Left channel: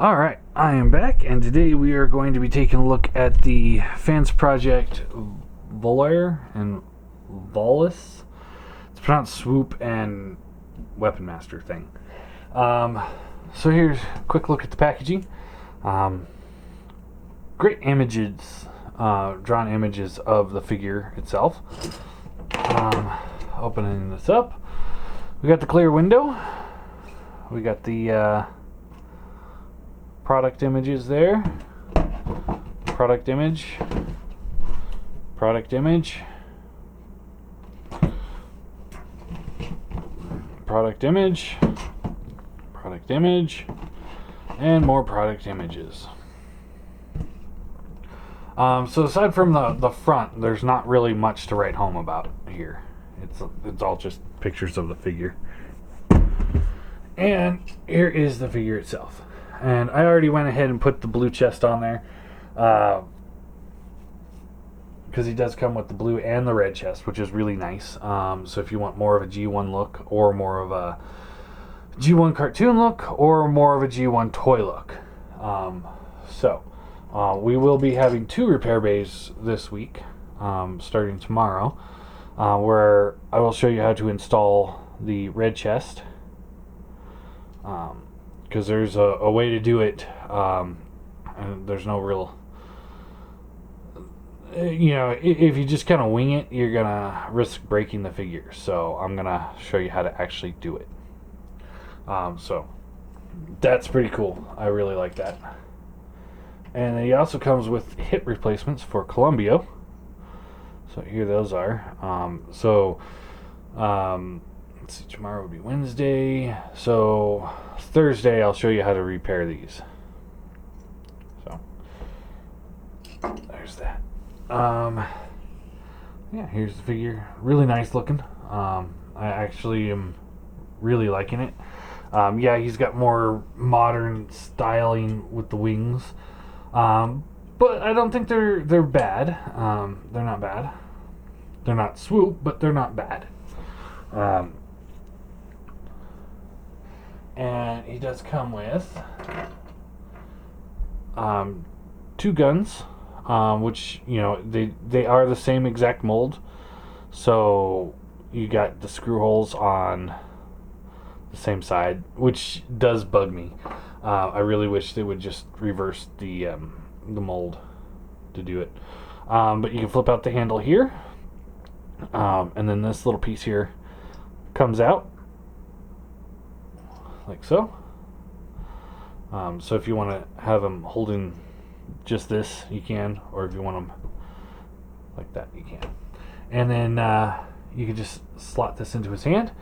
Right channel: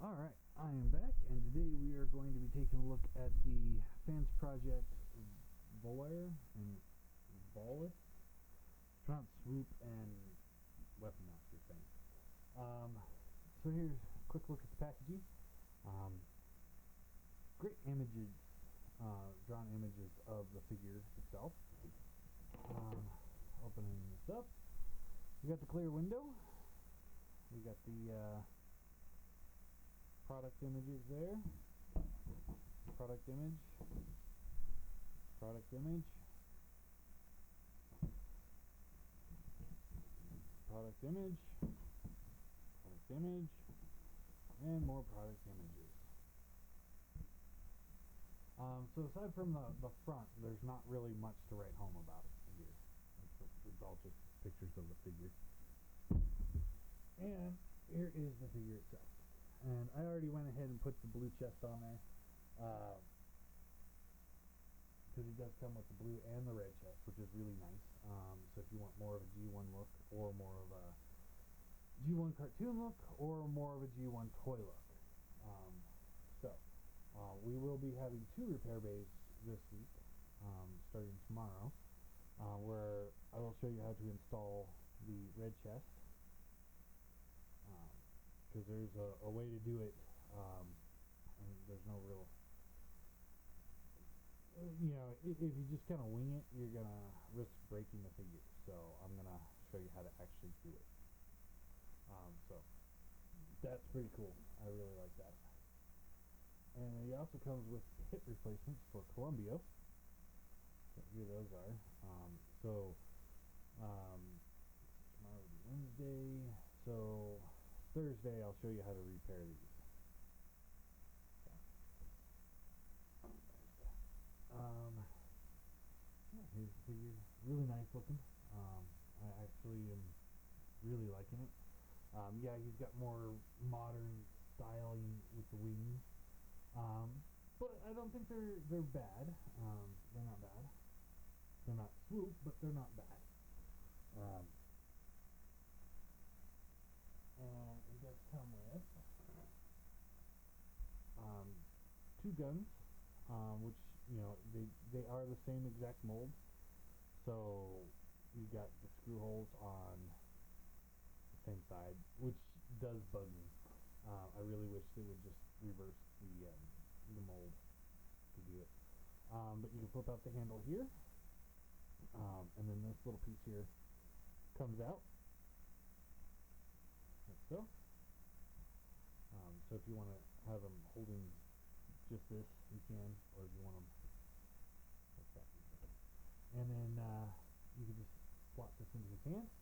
Alright, I am back, and today we are going to be taking a look at the Fansproject Volar and Volus. It's pronounced Swoop and Weapon Master thing. So here's a quick look at the packaging. Great images, drawn images of the figure itself. Opening this up, we got the clear window. We got the product images there. Product image. Product image. Product image. Product image. And more product images. So aside from the front, there's not really much to write home about here. It's all just pictures of the figure. And here is the figure itself. And I already went ahead and put the blue chest on there because he does come with the blue and the red chest, which is really nice. So if you want more of a G1 look, or more of a G1 cartoon look, or more of a G1 toy look. We will be having 2 repair bays this week, starting tomorrow, where I will show you how to install the red chest. Because there's a way to do it, and there's no real, if you just kind of wing it, you're gonna risk breaking the figure. So I'm gonna show you how to actually do it. So that's pretty cool. I really like that. And he also comes with hip replacements for Columbia. So here those are. Let's see, tomorrow would be Wednesday. So Thursday I'll show you how to repair these. So there's that. Yeah, here's the figure. Really nice looking. I actually am really liking it. Yeah, he's got more modern styling with the wings. But I don't think they're bad. They're not bad. They're not Swoop, but they're not bad. And he does come with 2 guns, which, they are the same exact mold. So you got the screw holes on the same side, which does bug me. I really wish they would just reverse the mold to do it. But you can flip out the handle here, and then this little piece here comes out like so. So if you want to have them holding just this, you can, or if you want them like that, you can. And then you can just slot this into his hand,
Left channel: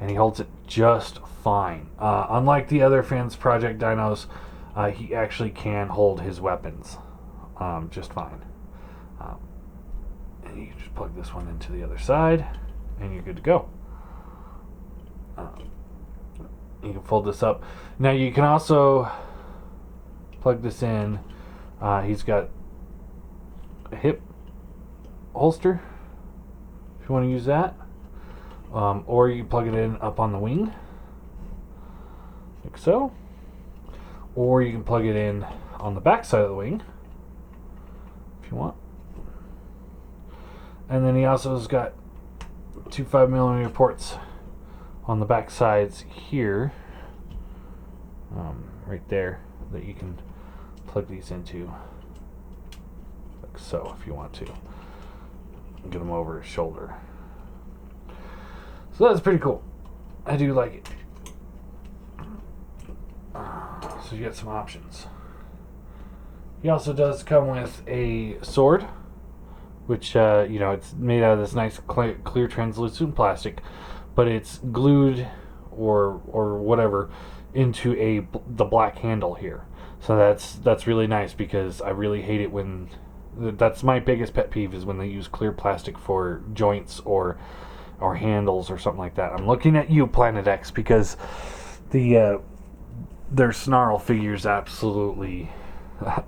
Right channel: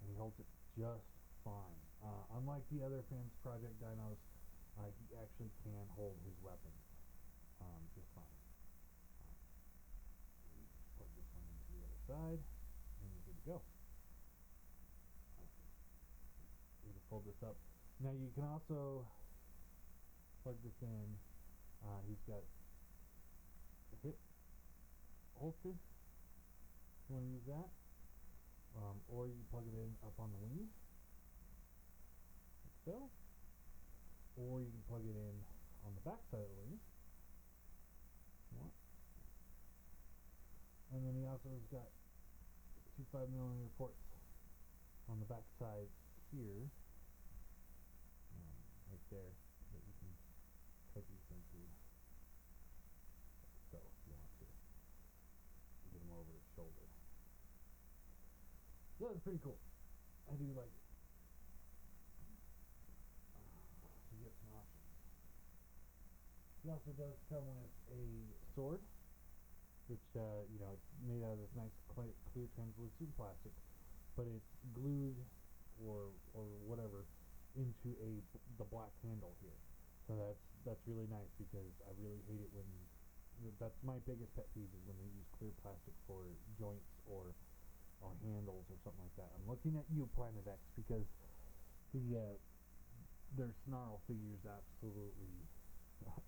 and he holds it just fine. Unlike the other Fansproject dinos, he actually can hold his weapons just fine. And you can just plug this one into the other side, and you're good to go. You can fold this up. Now you can also plug this in. He's got a hip holster if you want to use that, or you can plug it in up on the wing like so, or you can plug it in on the back side of the wing if you want. And then he also has got 2 5mm ports on the back sides here, right there, that you can plug these into like so if you want to get them over his shoulder. So that's pretty cool. I do like it. So you get some options. He also does come with a sword, which it's made out of this nice clear translucent plastic, but it's glued or whatever into the black handle here. So that's really nice, because I really hate it when that's my biggest pet peeve, is when they use clear plastic for joints or handles or something like that. I'm looking at you, Planet X, because their Snarl figures absolutely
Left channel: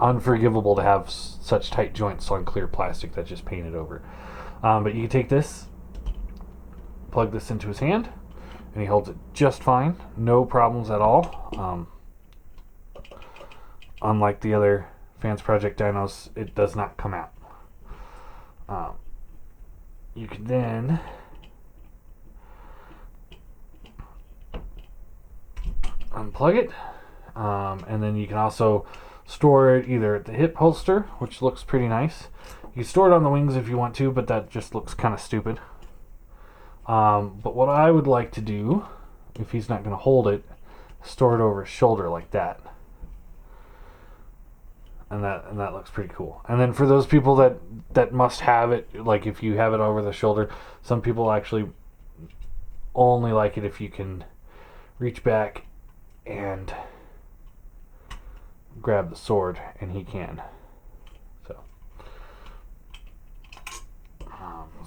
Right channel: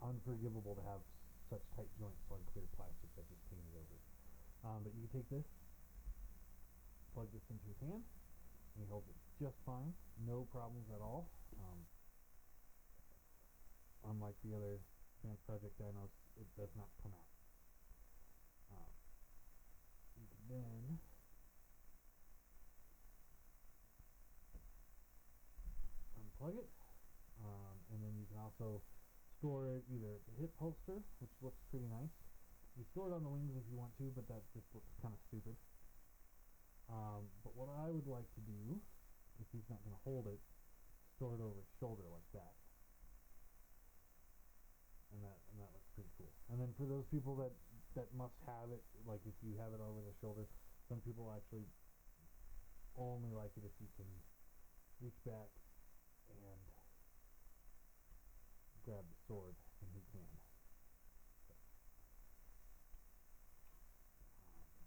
unforgivable to have such tight joints on clear plastic that's just painted over. But you can take this, plug this into his hand, and he holds it just fine. No problems at all. unlike the other Fansproject dynos, it does not come out. You can then unplug it, and then you can also store it either at the hip holster, which looks pretty nice. You can store it on the wings if you want to, but that just looks kind of stupid. But what I would like to do, if he's not going to hold it, store it over his shoulder like that. And that looks pretty cool. And then for those people that must have it, like if you have it over the shoulder, some people actually only like it if you can reach back and grab the sword, and he can.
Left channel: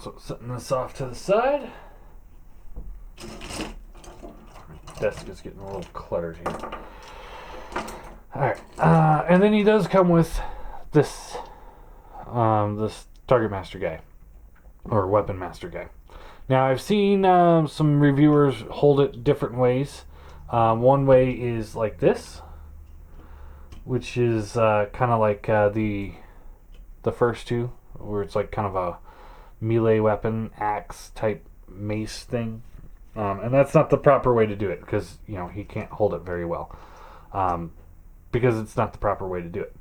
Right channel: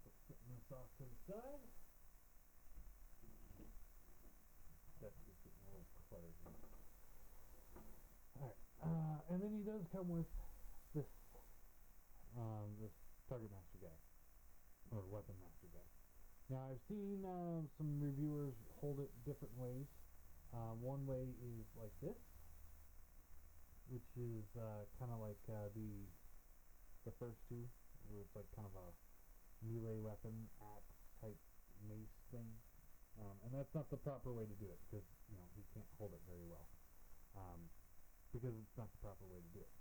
So setting this off to the side. My desk is getting a little cluttered here. Alright, and then he does come with this this Target Master guy, or Weapon Master guy. Now I've seen some reviewers hold it different ways. One way is like this, which is kind of like the first two, where it's like kind of a melee weapon, axe type mace thing. And that's not the proper way to do it, because he can't hold it very well. Because it's not the proper way to do it.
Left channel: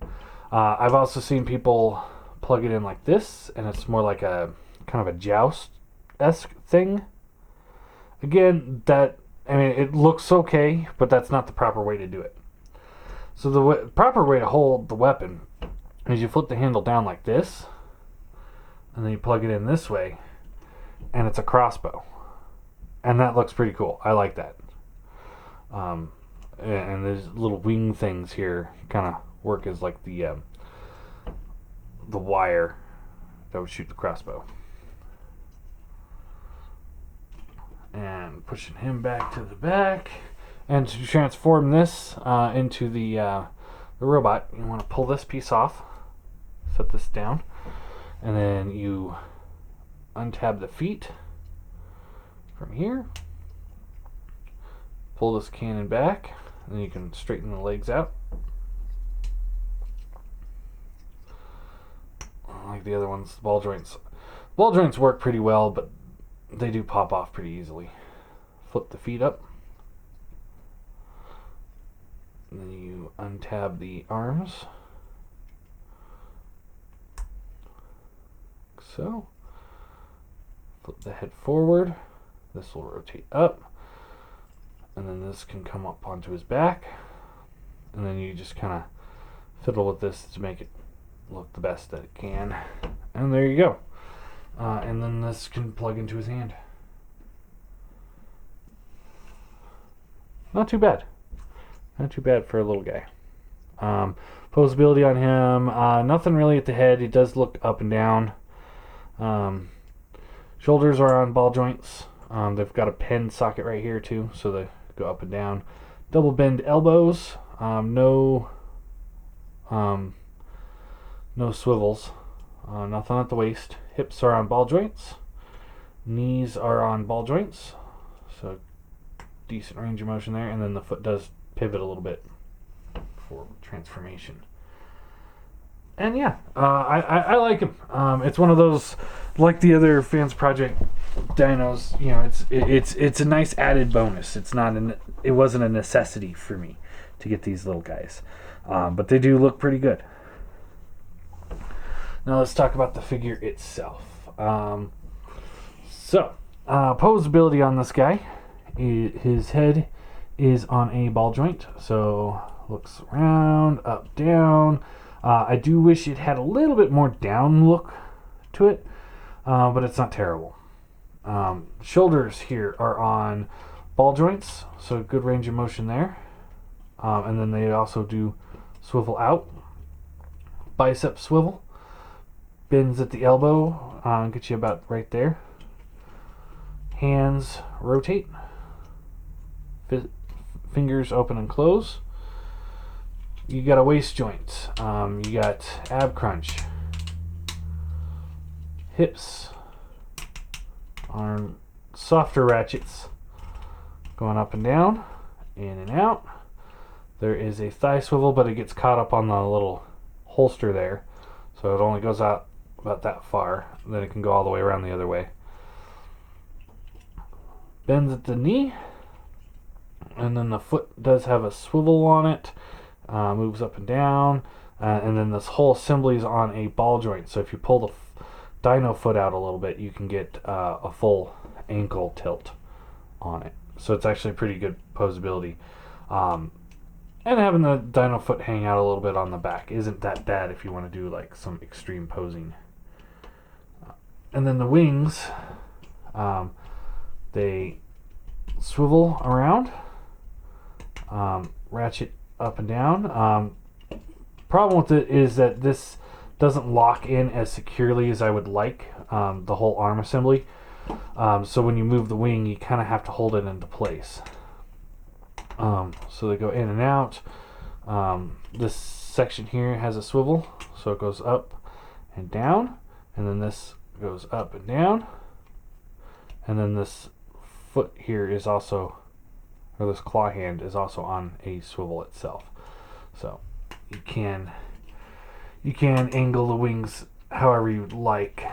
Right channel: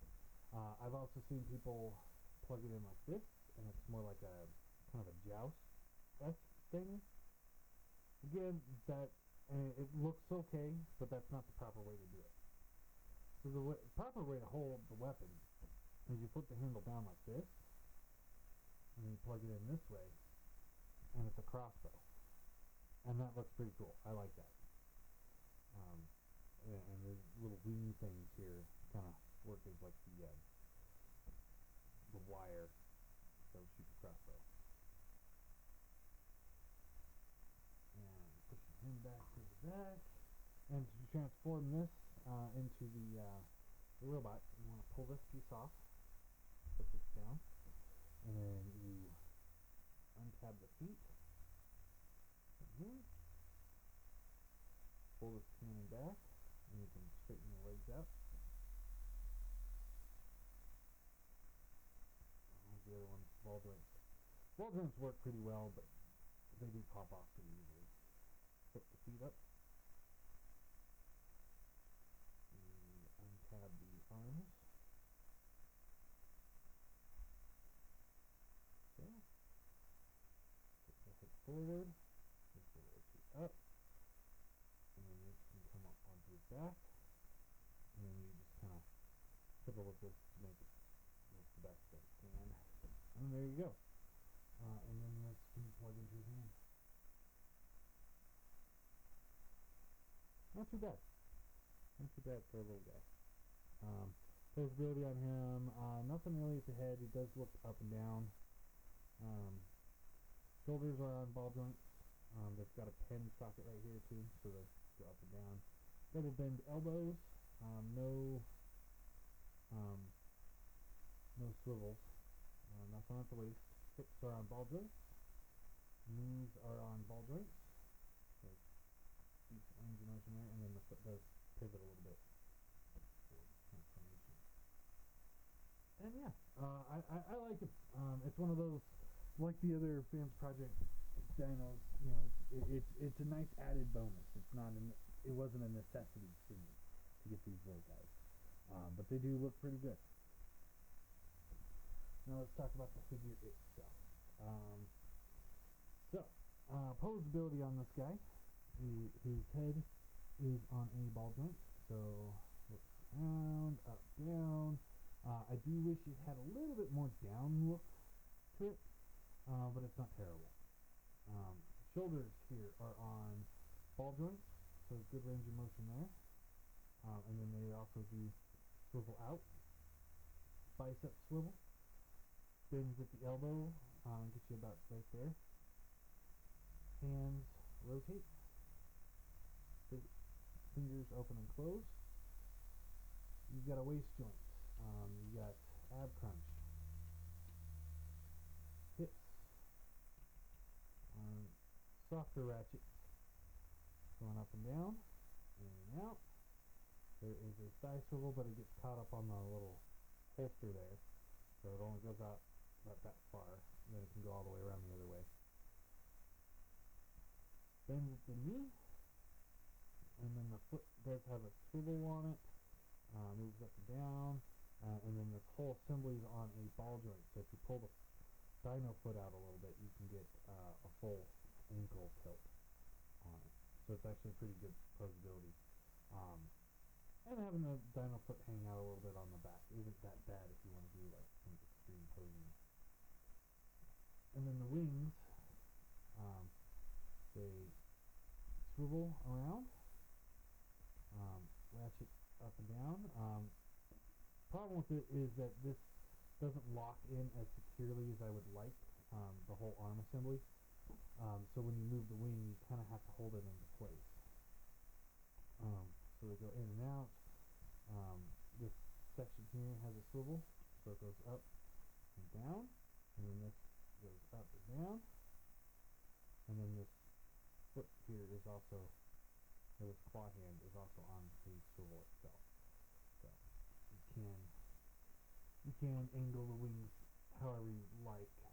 I've also seen people plug it in like this, and it's more like a kind of a joust-esque thing. Again, it looks okay, but that's not the proper way to do it. So the proper way to hold the weapon is you flip the handle down like this, and then you plug it in this way, and it's a crossbow. And that looks pretty cool. I like that. And there's little wing things here kind of work as like the wire that would shoot the crossbow. And pushing him back to the back. And to transform this into the robot, you want to pull this piece off, set this down, and then you untab the feet from here, pull this cannon back, and then you can straighten the legs out like the other ones. Ball joints work pretty well, but they do pop off pretty easily. Flip the feet up, and then you untab the arms like so. Flip the head forward. This will rotate up, and then this can come up onto his back, and then you just kind of fiddle with this to make it look the best that it can, and there you go. And then this can plug into his hand. Not too bad for a little guy. Posability on him, nothing really at the head. He does look up and down. Shoulders are on ball joints. They've got a pen socket right here too, so they go up and down. Double bend elbows. No swivels. Nothing at the waist. Hips are on ball joints. Knees are on ball joints. So decent range of motion there. And then the foot does pivot a little bit for transformation. And yeah, I like him. It's one of those, like the other Fansproject dynos, it's a nice added bonus. It wasn't a necessity for me to get these little guys, but they do look pretty good. Now let's talk about the figure itself. Posability on this guy, his head is on a ball joint, so looks around, up, down. I do wish it had a little bit more down look to it, but it's not terrible. Shoulders here are on ball joints, so good range of motion there. And then they also do swivel out. Bicep swivel. Bends at the elbow, get you about right there. Hands rotate. Fingers open and close. You got a waist joint. You got ab crunch. Hips on softer ratchets going up and down, in and out. There is a thigh swivel, but it gets caught up on the little holster there. So it only goes out about that far. Then it can go all the way around the other way. Bends at the knee. And then the foot does have a swivel on it. Moves up and down. And then this whole assembly is on a ball joint. So if you pull the dyno foot out a little bit, you can get a full ankle tilt on it. So it's actually pretty good posability. And having the dyno foot hang out a little bit on the back isn't that bad if you want to do like some extreme posing. And then the wings, they swivel around, ratchet up and down. Problem with it is that this doesn't lock in as securely as I would like, the whole arm assembly. So when you move the wing, you kind of have to hold it into place. So they go in and out. This section here has a swivel, so it goes up and down, and then this goes up and down, and then this foot here is also, or this claw hand is also on a swivel itself. So you can angle the wings however you'd like.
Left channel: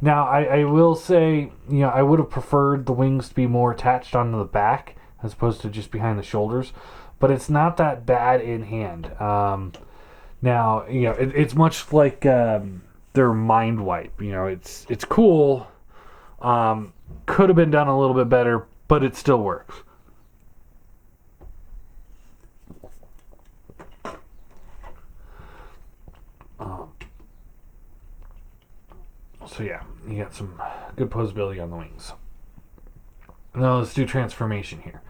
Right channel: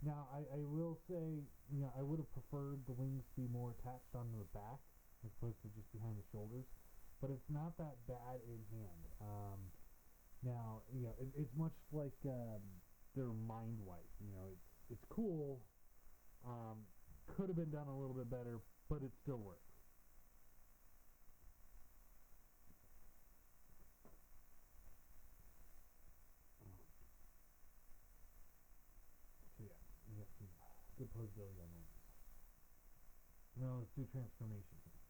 Now I will say, I would have preferred the wings to be more attached onto the back as opposed to just behind the shoulders, but it's not that bad in hand. Now, it's much like their mind wipe. It's cool. Could have been done a little bit better, but it still works. So yeah, you got some good posability on the wings. Now let's do transformation here.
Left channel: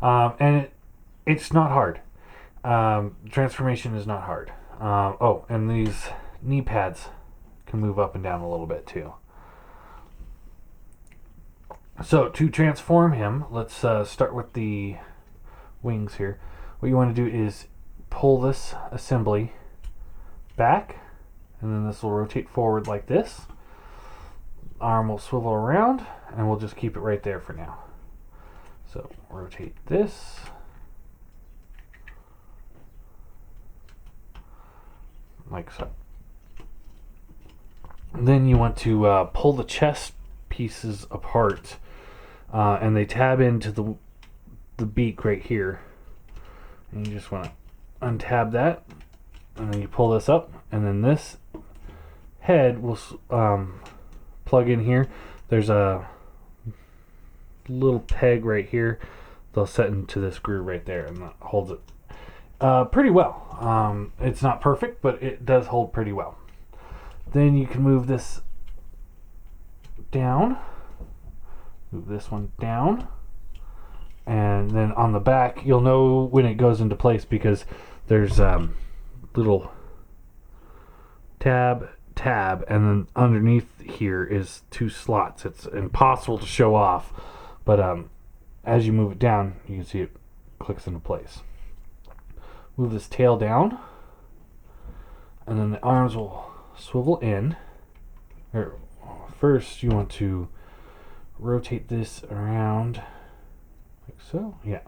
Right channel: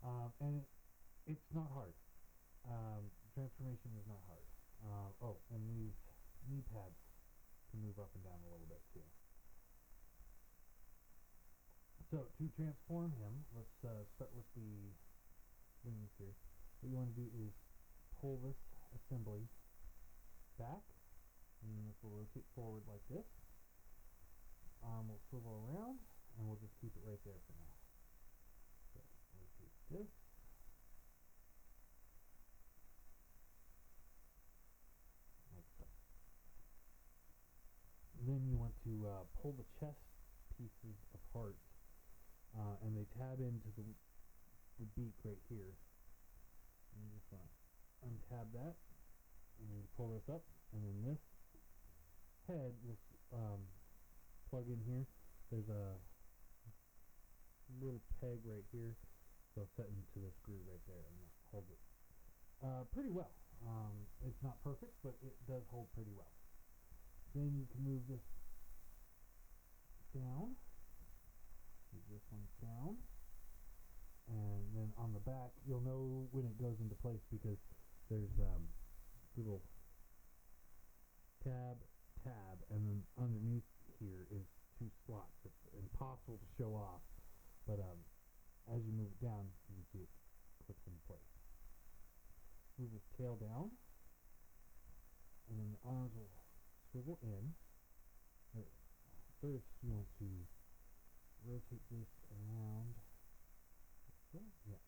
And it's not hard. Transformation is not hard. And these knee pads can move up and down a little bit too. So to transform him, let's start with the wings here. What you want to do is pull this assembly back, and then this will rotate forward like this. Arm will swivel around, and we'll just keep it right there for now. So rotate this. Like so. And then you want to pull the chest pieces apart, and they tab into the beak right here. And you just want to untab that, and then you pull this up, and then this head will plug in here. There's a little peg right here. They'll set into this groove right there, and that holds it pretty well. It's not perfect, but it does hold pretty well. Then you can move this down, move this one down, and then on the back you'll know when it goes into place because there's little tab, and then underneath here is 2 slots. It's impossible to show off, but as you move it down, you can see it clicks into place. Move this tail down, and then the arms will swivel in. First, you want to rotate this around like so, yeah,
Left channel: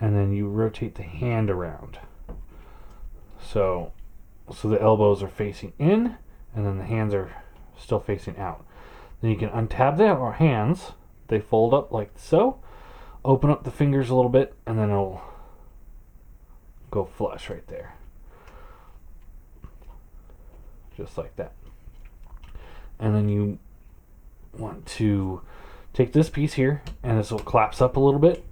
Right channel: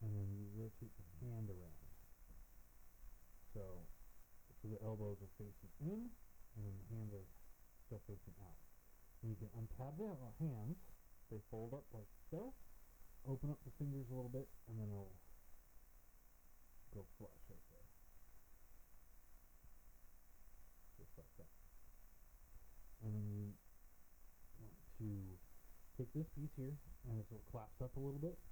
and then you rotate the hand around. So the elbows are facing in, and then the hands are still facing out. Then you can untab the hands. They fold up like so. Open up the fingers a little bit, and then it'll go flush right there. Just like that. And then you want to take this piece here, and this will collapse up a little bit.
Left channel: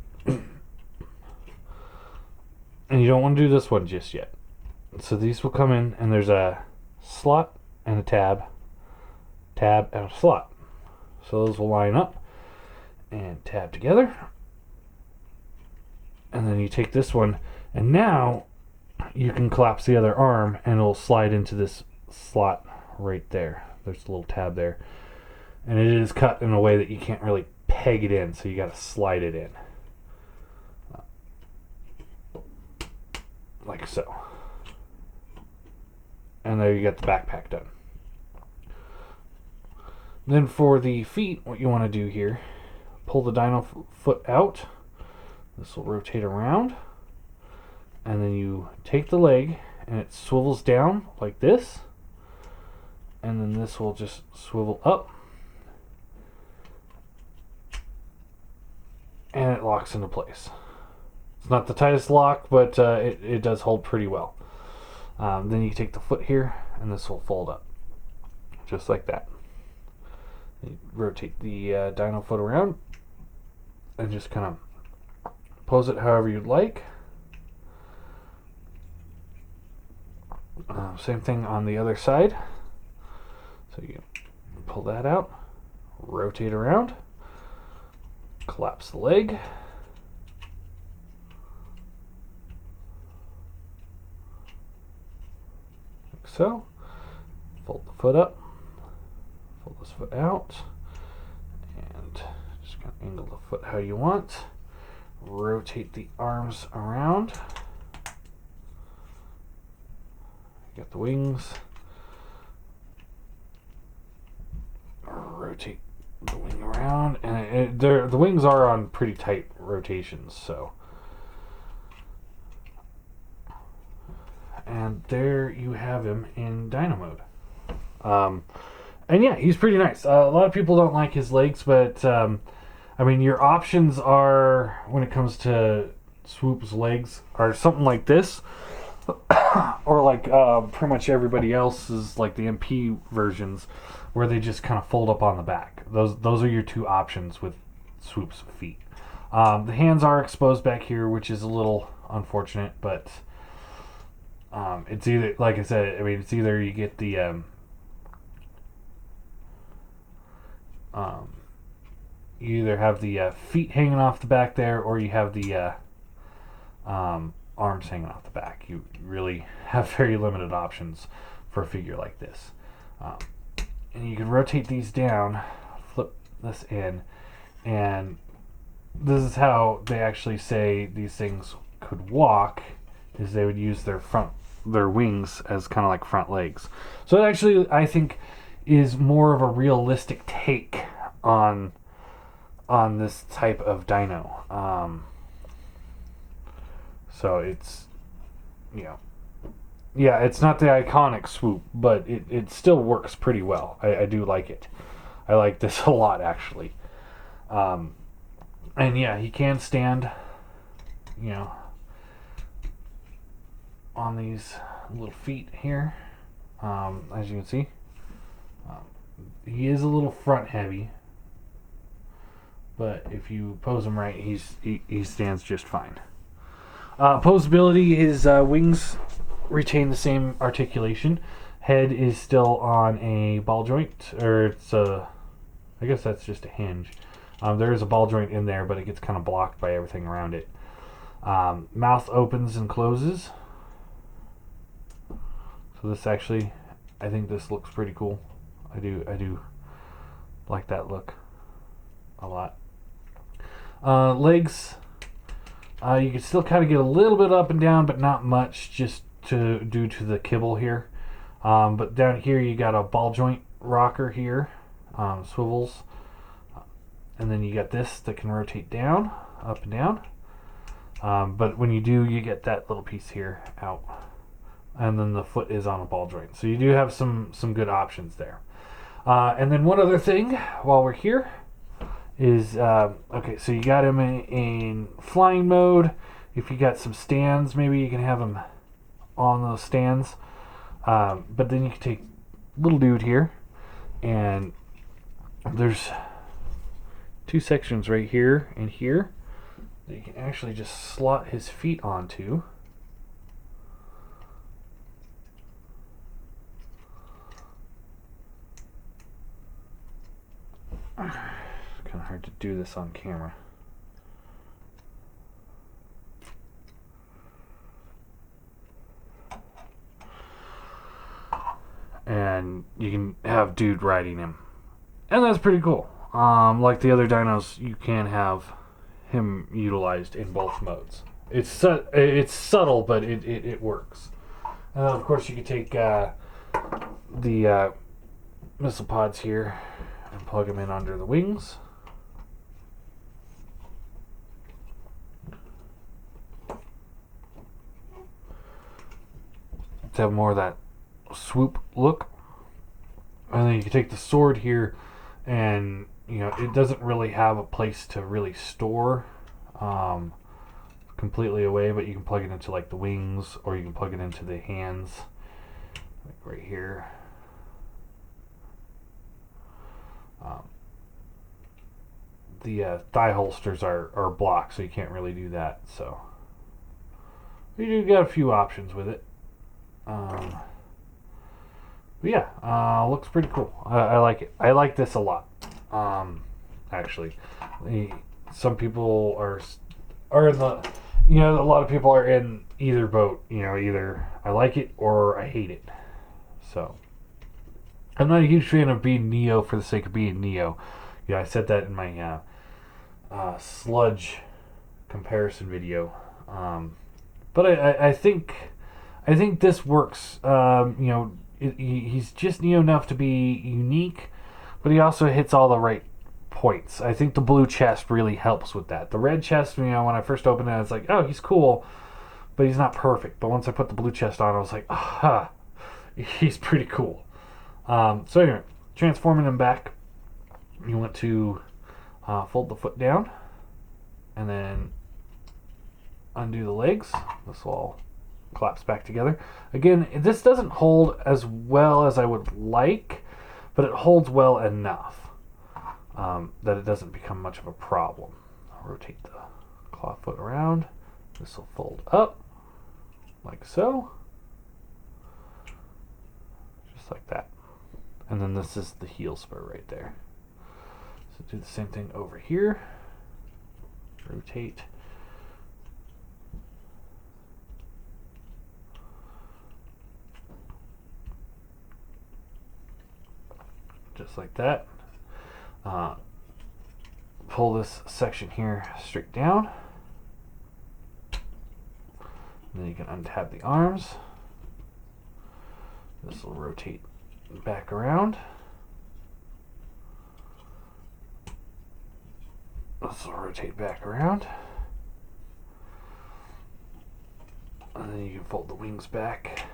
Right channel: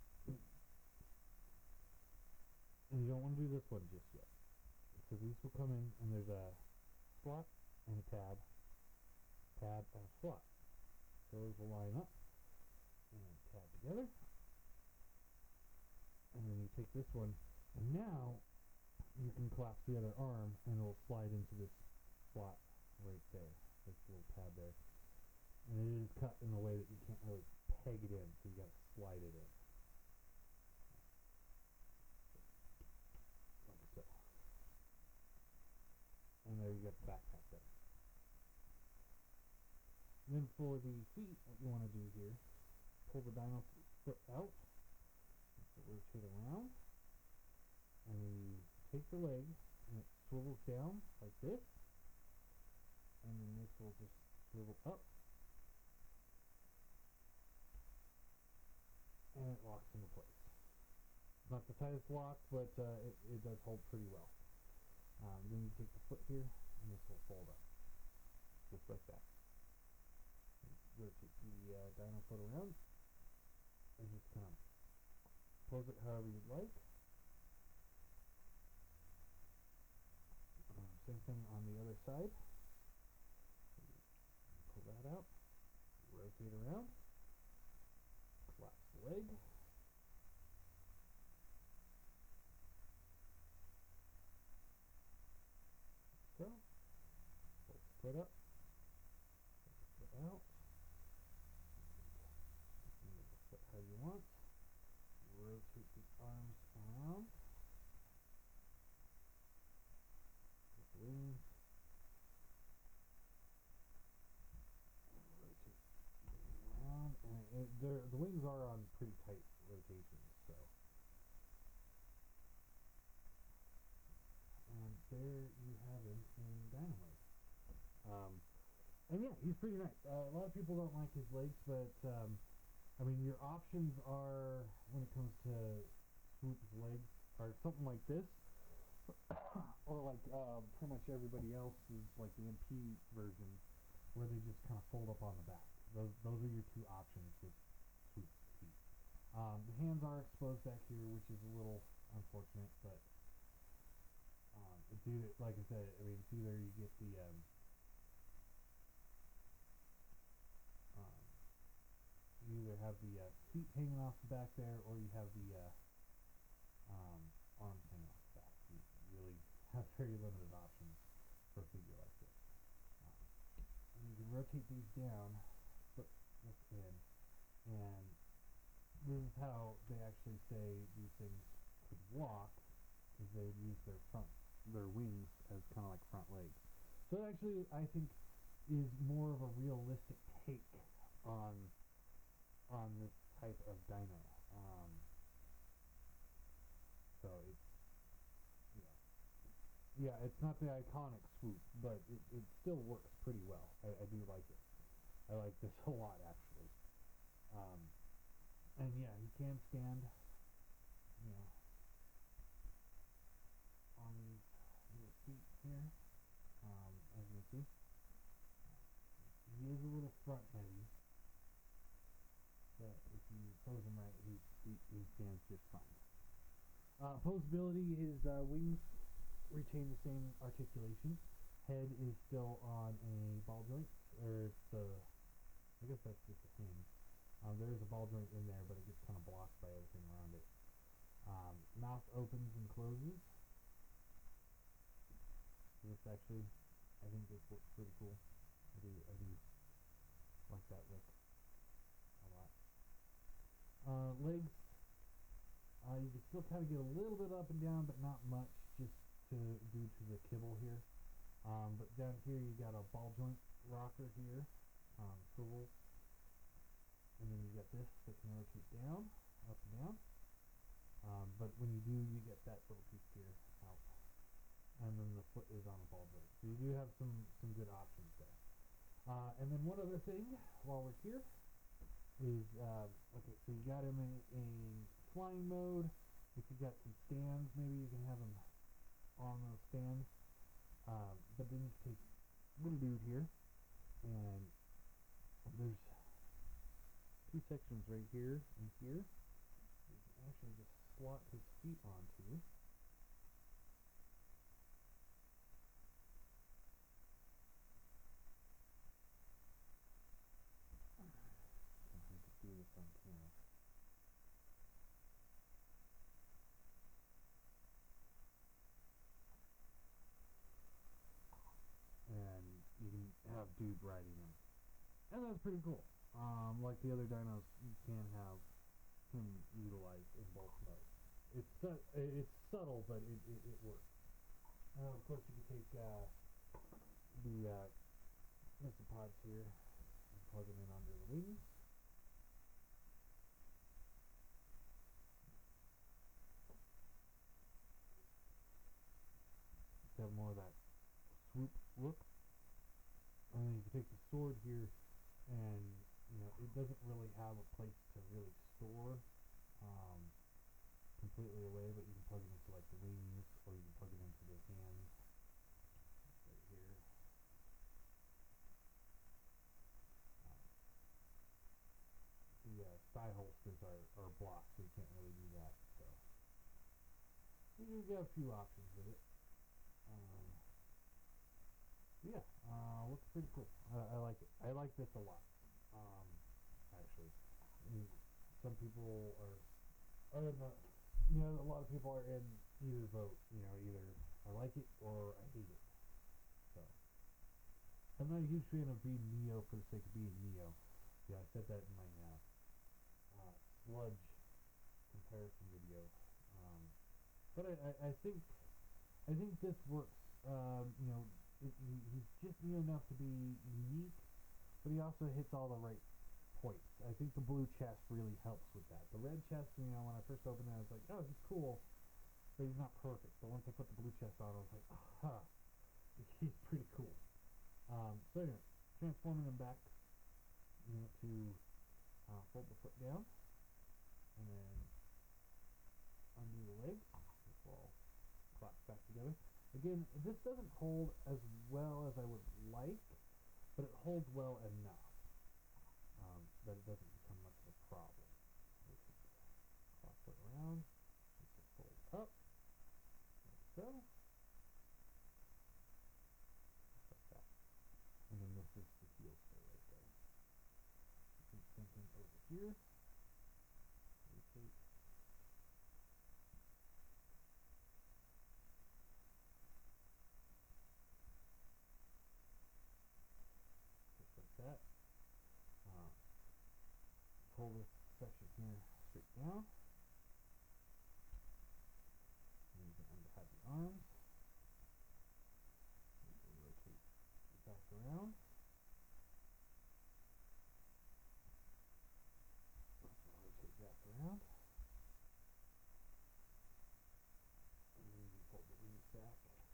And you don't want to do this one just yet. So these will come in, and there's a slot and a tab, and a slot. So those will line up and tab together. And then you take this one, and now you can collapse the other arm, and it'll slide into this slot right there. There's a little tab there. And it is cut in a way that you can't really peg it in, so you got to slide it in. Like so. And there you got the backpack done. Then for the feet, what you want to do here, pull the dyno foot out, This will rotate around, and then you take the leg and it swivels down like this, and then this will just swivel up, and it locks into place. It's not the tightest lock, but it does hold pretty well. Then you take the foot here, and this will fold up, just like that. You rotate the dyno foot around, and just kind of pose it however you'd like. Same thing on the other side. So you pull that out, rotate around, collapse the leg, like so. Fold the foot up, fold this foot out, and just kind of angle the foot how you want. Rotate the arms around. Got the wings. Rotate the wing around, and the wings are on pretty tight rotations, so. And there you have him in dyno mode. And yeah, he's pretty nice. A lot of people don't like his legs, but I mean, your options are, when it comes to Swoop's legs, are something like this. Or like pretty much everybody else's, like the MP versions, where they just kind of fold up on the back. Those are your two options with Swoop's feet. The hands are exposed back here, which is a little unfortunate, but it's either, like I said, I mean, it's either you get the you either have the feet hanging off the back there, or you have the arms hanging off the back. You really have very limited options for a figure like this. And you can rotate these down, flip this in, and this is how they actually say these things could walk, is they would use their wings as kind of like front legs. So it actually, I think, is more of a realistic take on this type of dyno. So it's, yeah, it's not the iconic Swoop, but it still works pretty well. I do like it. I like this a lot, actually. And yeah, he can stand, on these little feet here, as you can see. He is a little front heavy, but if you pose him right, he stands just fine. Posability, his wings retain the same articulation. Head is still on a ball joint, or it's I guess that's just a hinge. There is a ball joint in there, but it gets kind of blocked by everything around it. Mouth opens and closes. So this actually, I think this looks pretty cool. I do like that look a lot. Legs, you can still kind of get a little bit up and down, but not much, just due to the kibble here. But down here you got a ball joint rocker here, swivels, and then you got this that can rotate down, up and down. But when you do, you get that little piece here out, and then the foot is on a ball joint. So you do have some good options there. And then one other thing while we're here is, okay, so you got him in flying mode. If you got some stands, maybe you can have him on those stands. But then you can take little dude here, and there's two sections right here and here that you can actually just slot his feet onto. It's kind of hard to do this on camera. And you can have dude riding him, and that's pretty cool. Like the other dynos, you can have him utilized in both modes. It's subtle, but it works. And then of course you can take the missile pods here and plug them in under the wings. to have more of that swoop look. And then you can take the sword here, and it doesn't really have a place to really store completely away, but you can plug it into like the wings, or you can plug it into the hands, like right here. The thigh holsters are blocked, so you can't really do that. So you do got a few options with it. But yeah, looks pretty cool. I like it. I like this a lot. Actually, some people are in the, a lot of people are in either boat. Either I like it or I hate it. So I'm not a huge fan of being Neo for the sake of being Neo. I said that in my sludge comparison video. But I think this works. He's just Neo enough to be unique, but he also hits all the right points. I think the blue chest really helps with that. The red chest, when I first opened it, it's like, oh, he's cool, but he's not perfect. But once I put the blue chest on, I was like, aha, he's pretty cool. So anyway, transforming him back, you want to fold the foot down, and then undo the legs. This will all collapse back together. Again, this doesn't hold as well as I would like, but it holds well enough that it doesn't become much of a problem. I'll rotate the claw foot around. This will fold up, like so. Just like that. And then this is the heel spur right there. So do the same thing over here. Rotate. Just like that. Pull this section here straight down. And then you can untab the arms. This will rotate back around. This will rotate back around. And then you can fold the wings back.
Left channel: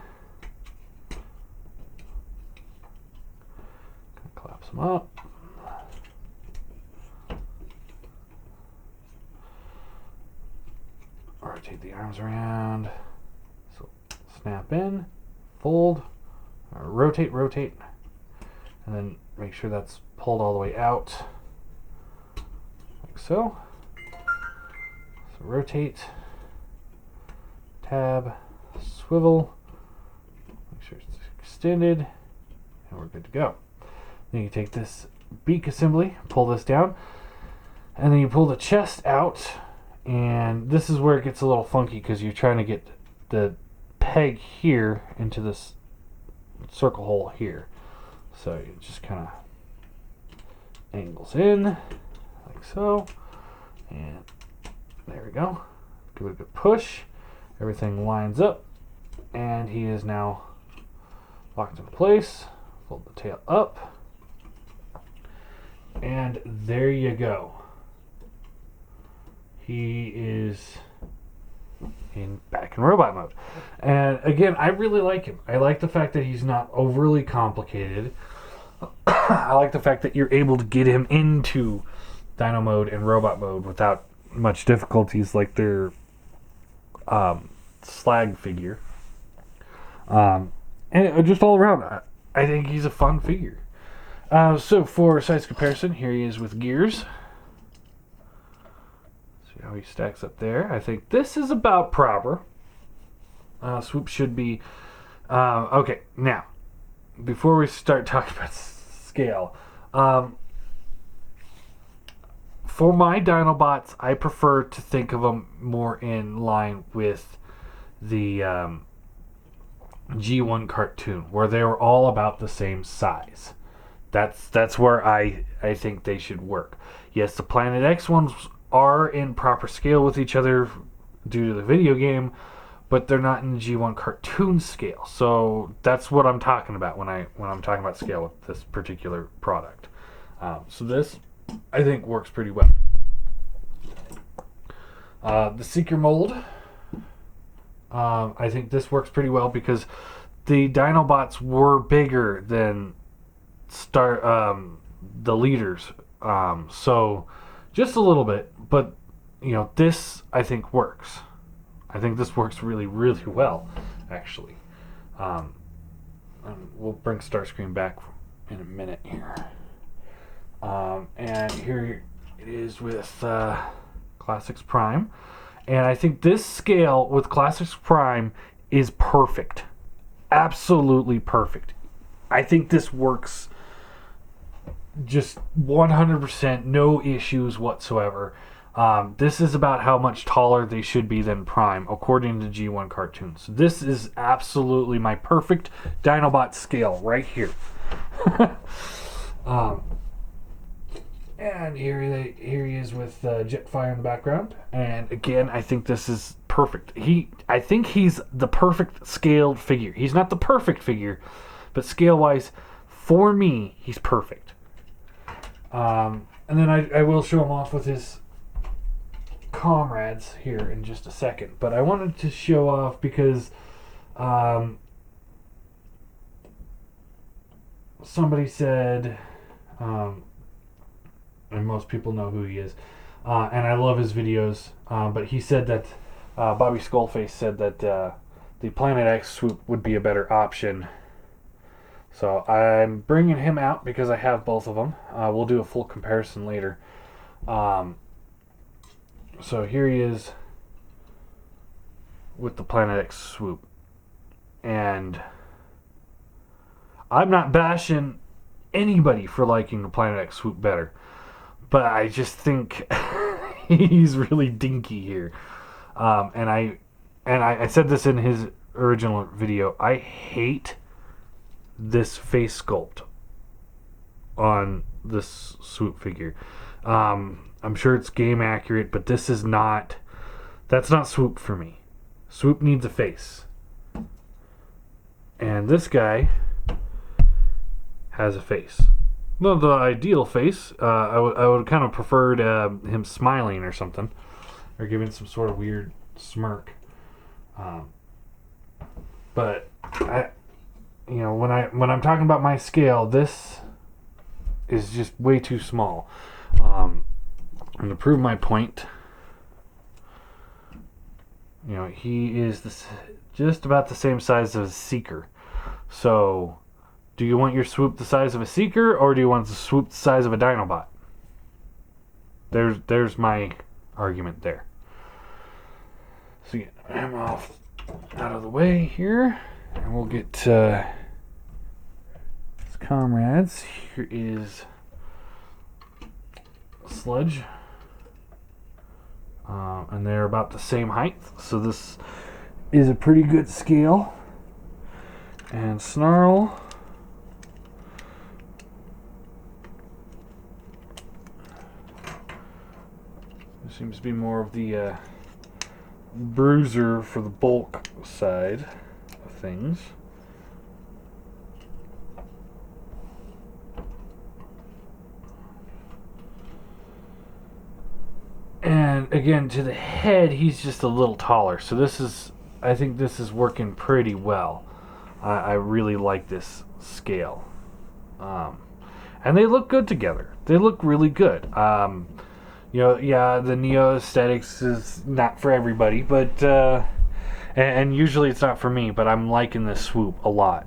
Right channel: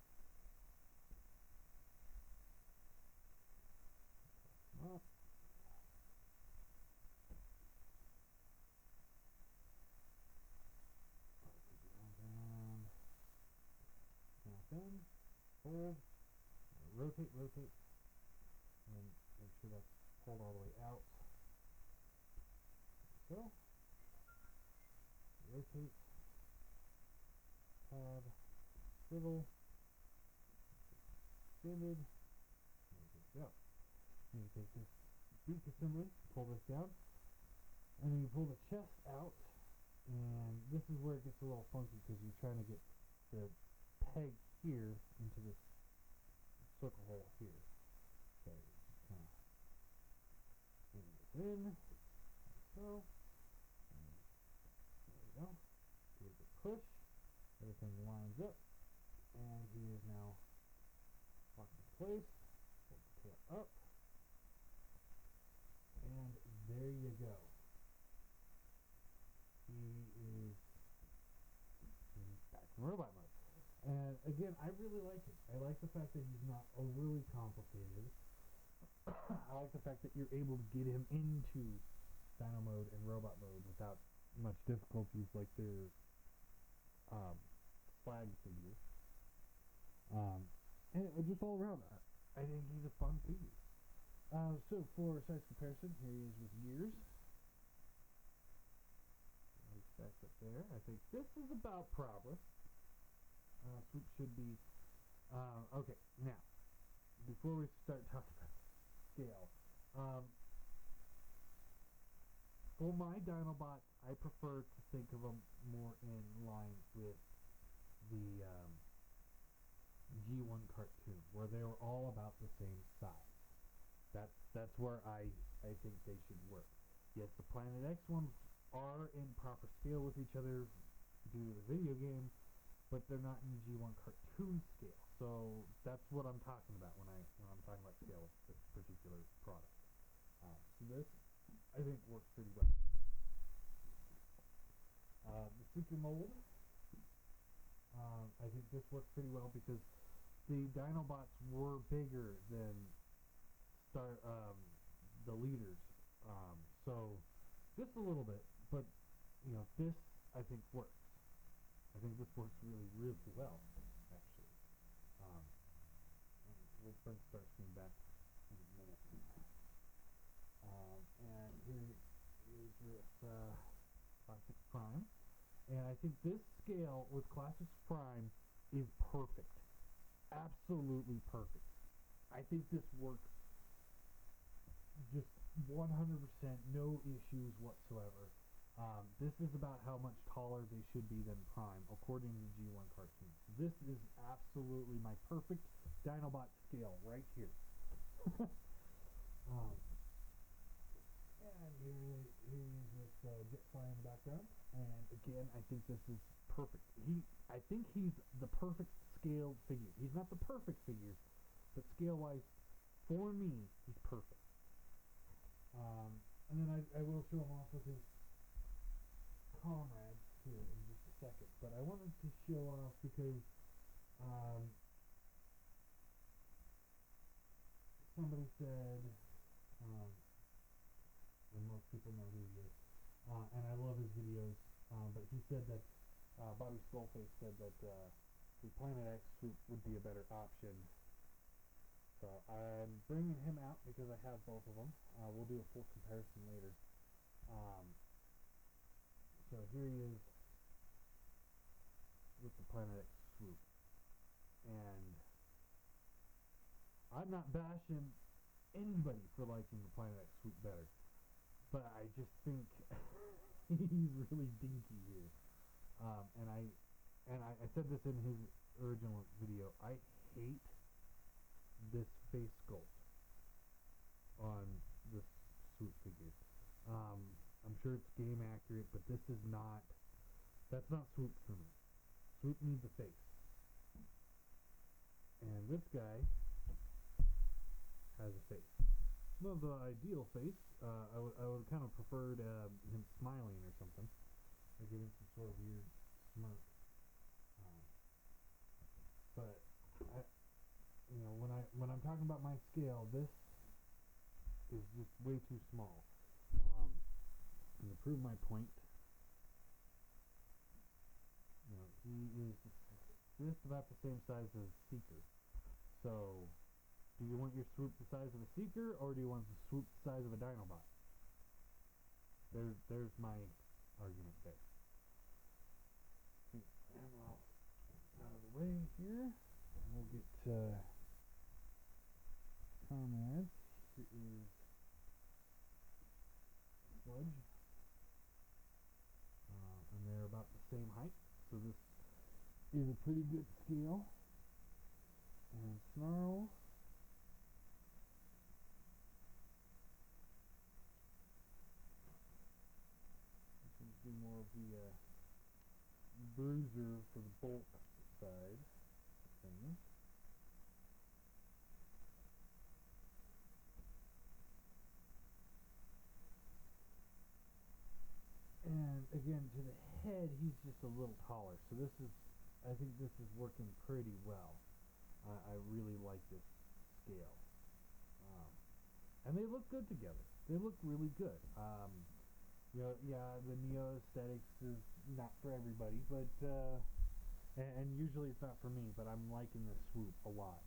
Collapse them up. Rotate the arms around. So snap in, fold, rotate, and then make sure that's pulled all the way out, like so. So rotate, tab, swivel, make sure it's extended, and we're good to go. Then you take this beak assembly, pull this down, and then you pull the chest out, and this is where it gets a little funky because you're trying to get the peg here into this circle hole here. So it just kind of angles in like so, and there we go. Give it a good push. Everything lines up, and he is now locked in place. Fold the tail up, and there you go. He is back in robot mode. And again, I really like him. I like the fact that he's not overly complicated. I like the fact that you're able to get him into Dino mode and robot mode without much difficulties like their slag figure. And just all around, I think he's a fun figure. So for size comparison, here he is with gears. See how he stacks up there. I think this is about proper. Swoop should be... okay, now, before we start talking about scale, for my Dinobots, I prefer to think of them more in line with the G1 cartoon, where they were all about the same size. That's where I think they should work. Yes, the Planet X ones are in proper scale with each other due to the video game, but they're not in the G1 cartoon scale. So that's what I'm talking about when I'm talking about scale with this particular product. So this, I think, works pretty well. The Seeker mold, I think this works pretty well because the Dinobots were bigger than the leaders. So just a little bit, but this I think works. I think this works really, really well, actually. And we'll bring Starscream back in a minute here. And here it is with Classics Prime. And I think this scale with Classics Prime is perfect. Absolutely perfect. I think this works just 100%, no issues whatsoever. This is about how much taller they should be than Prime, according to G1 Cartoons. This is absolutely my perfect Dinobot scale right here. And here he is with Jetfire in the background. And again, I think this is perfect. I think he's the perfect scaled figure. He's not the perfect figure, but scale-wise, for me, he's perfect. And then I will show him off with his comrades here in just a second. But I wanted to show off because somebody said, and most people know who he is, and I love his videos, but he said that Bobby Skullface said that the Planet X Swoop would be a better option. So I'm bringing him out because I have both of them. We'll do a full comparison later. So here he is with the Planet X Swoop. And I'm not bashing anybody for liking the Planet X Swoop better, but I just think he's really dinky here. And I said this in his original video. I hate this face sculpt on this Swoop figure. I'm sure it's game accurate, but that's not Swoop for me. Swoop needs a face. And this guy has a face. Not the ideal face. I would kind of preferred him smiling or something, or giving some sort of weird smirk. But when I'm talking about my scale, this is just way too small. And to prove my point, he is just about the same size as a Seeker. So, do you want your Swoop the size of a Seeker, or do you want the Swoop the size of a Dinobot? There's my argument there. So get him off out of the way here, and we'll get his comrades. Here is Sludge. And they're about the same height, so this is a pretty good scale. And Snarl. There seems to be more of the bruiser for the bulk side of things. And again, to the head, he's just a little taller. So I think this is working pretty well. I really like this scale. And they look good together. They look really good. The Neo aesthetics is not for everybody, but and usually it's not for me, but I'm liking this Swoop a lot.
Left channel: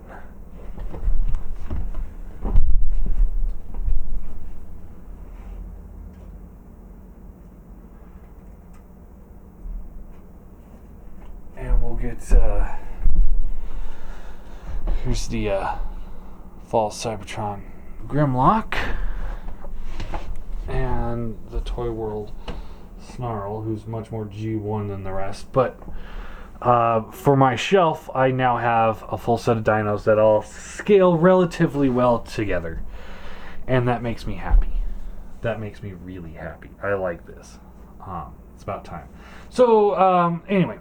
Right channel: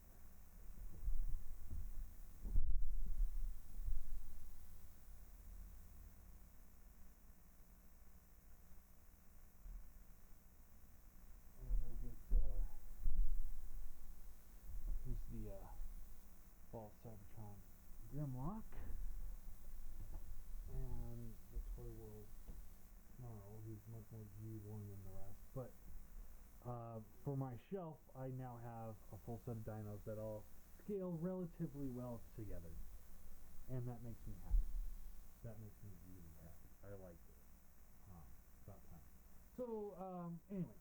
Get here's the False Cybertron Grimlock and the Toy World Snarl, who's much more G1 than the rest. But for my shelf, I now have a full set of dinos that all scale relatively well together, and that makes me happy. That makes me really happy. I like this. It's about time. So anyway,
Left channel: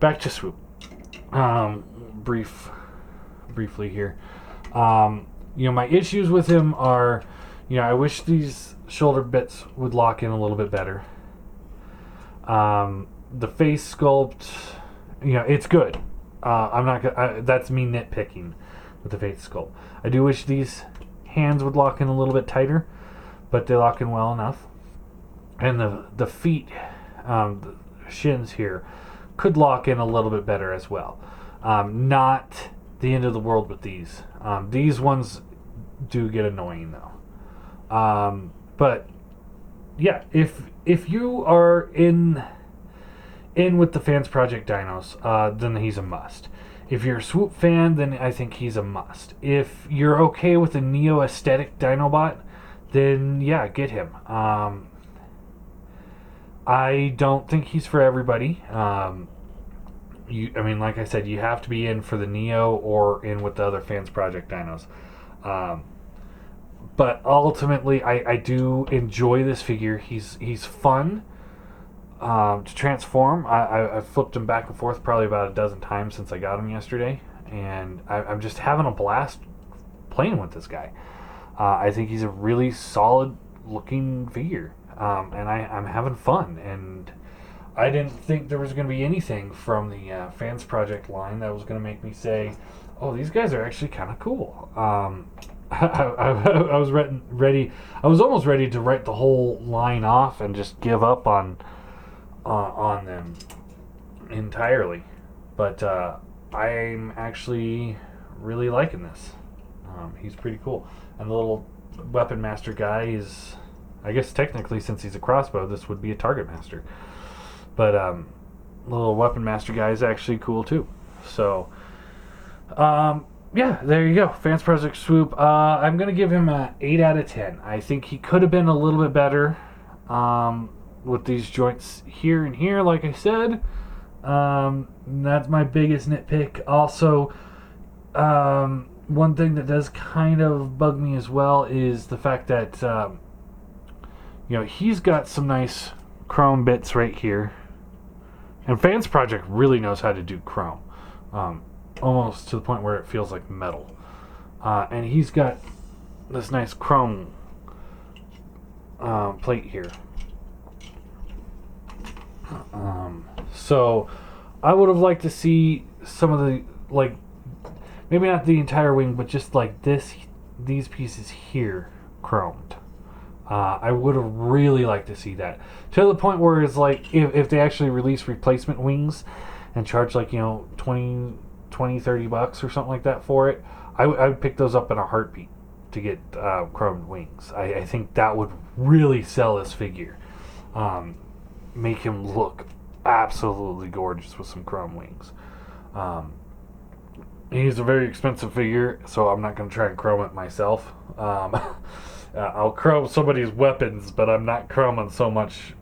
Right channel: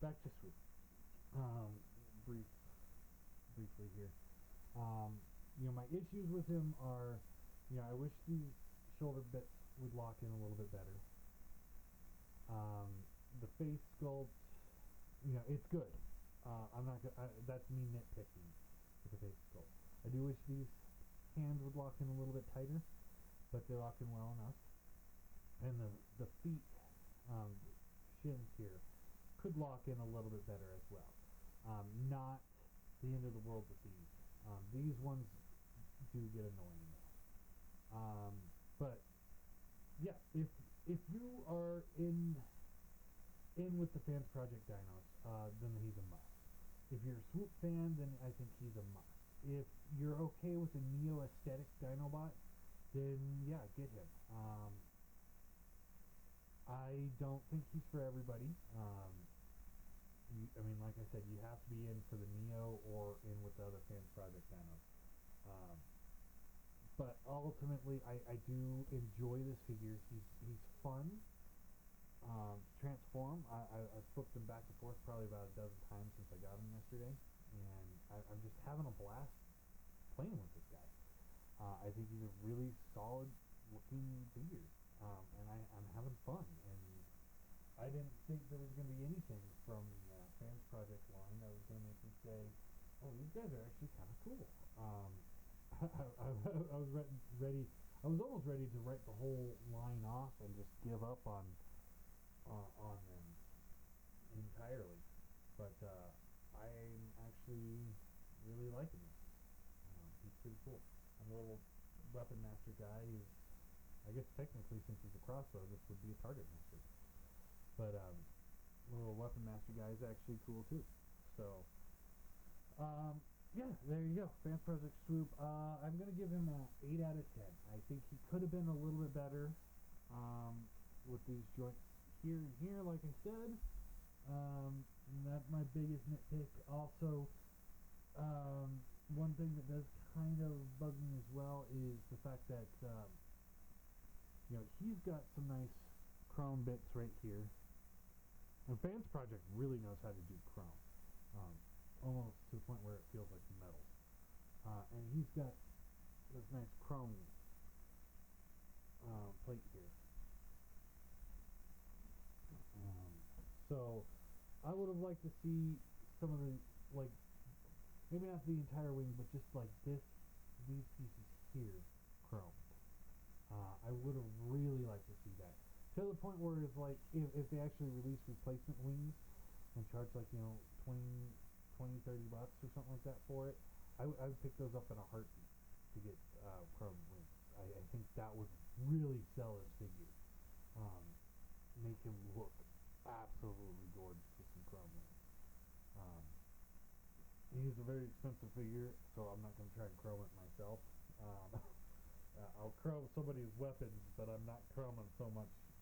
back to Swoop. Briefly here. My issues with him are, I wish these shoulder bits would lock in a little bit better. The face sculpt, it's good. I'm not gonna. That's me nitpicking with the Faith Sculpt. I do wish these hands would lock in a little bit tighter, but they lock in well enough. And the feet, the shins here, could lock in a little bit better as well. Not the end of the world with these. These ones do get annoying though. But yeah, if you are in with the Fansproject dynos, then he's a must. If you're a Swoop fan, then I think he's a must. If you're okay with a Neo aesthetic Dinobot, then yeah, get him. I don't think he's for everybody. I mean, like I said, you have to be in for the Neo or in with the other Fansproject dynos. But ultimately, I do enjoy this figure. He's fun to transform. I've flipped him back and forth probably about a dozen times since I got him yesterday, and I'm just having a blast playing with this guy. I think he's a really solid looking figure, and I'm having fun. And I didn't think there was going to be anything from the Fansproject line that was going to make me say, "Oh, these guys are actually kind of cool." I was ready. I was almost ready to write the whole line off and just give up on them entirely, but I'm actually really liking this. He's pretty cool, and the little weapon master guy is, I guess technically since he's a crossbow, this would be a target master, but the little weapon master guy is actually cool too. So yeah, there you go. Fansproject Swoop. I'm gonna give him a 8 out of 10. I think he could have been a little bit better with these joints here and here, like I said. That's my biggest nitpick. Also, one thing that does kind of bug me as well is the fact that he's got some nice chrome bits right here, and Fansproject really knows how to do chrome, almost to the point where it feels like metal. And he's got this nice chrome plate here. So I would have liked to see some of the, like, maybe not the entire wing, but just like these pieces here chromed. I would have really liked to see that, to the point where it's like if they actually release replacement wings and charge like 20, $30 or something like that for it, I would pick those up in a heartbeat to get chromed wings. I think that would really sell this figure. Make him look absolutely gorgeous with some chrome wings. He's a very expensive figure, so I'm not going to try and chrome it myself. I'll chrome somebody's weapons, but I'm not chroming so much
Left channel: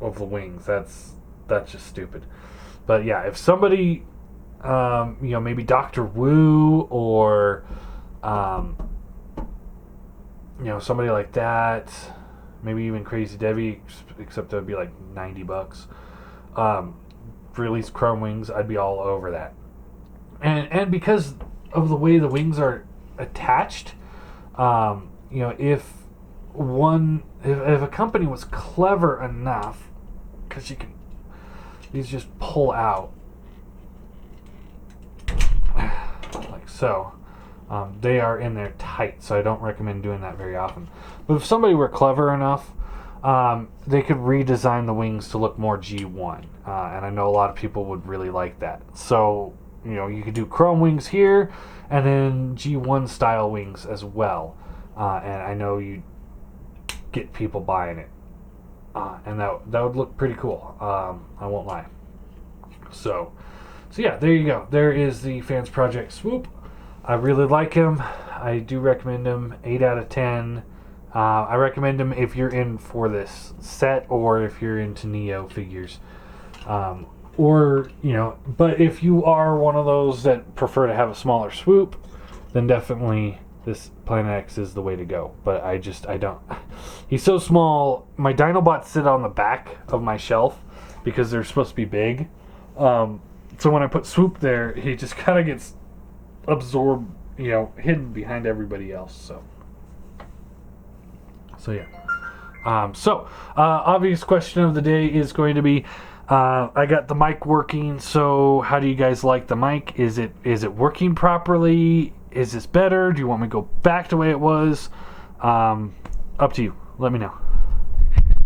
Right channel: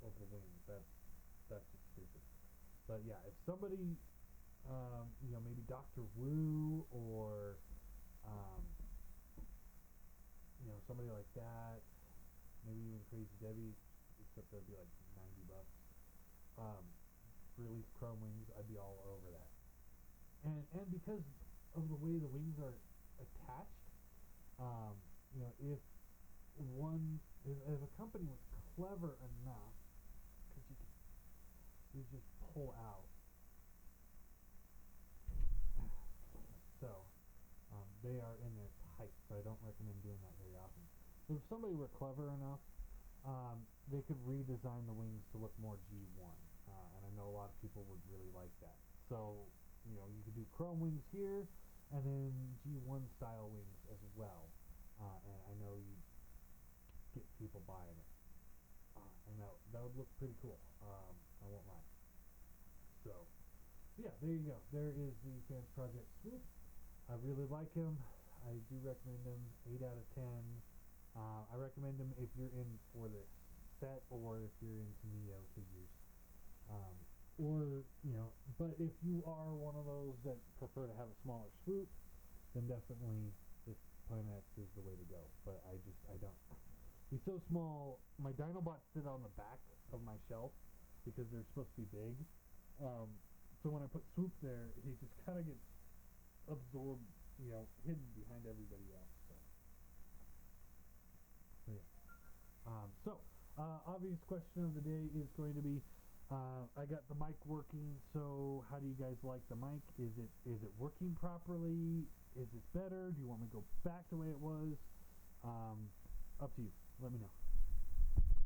of the wings. That's just stupid. But yeah, if somebody, maybe Dr. Wu or, somebody like that, maybe even Crazy Debbie, except that would be like $90. Release chrome wings, I'd be all over that. And because of the way the wings are attached, if a company was clever enough, because these just pull out like so. They are in there tight, so I don't recommend doing that very often. But if somebody were clever enough, they could redesign the wings to look more G1, and I know a lot of people would really like that. So you could do chrome wings here, and then G1 style wings as well, and I know you'd get people buying it, and that would look pretty cool. I won't lie. So yeah, there you go. There is the Fansproject Swoop. I really like him. I do recommend him. 8 out of 10. I recommend him if you're in for this set, or if you're into Neo figures. But if you are one of those that prefer to have a smaller Swoop, then definitely this Planet X is the way to go. But I don't. He's so small. My Dinobots sit on the back of my shelf because they're supposed to be big. So when I put Swoop there, he just kind of gets absorbed, hidden behind everybody else. So yeah. Obvious question of the day is going to be, I got the mic working. So how do you guys like the mic? Is it working properly? Is this better? Do you want me to go back to the way it was? Up to you. Let me know.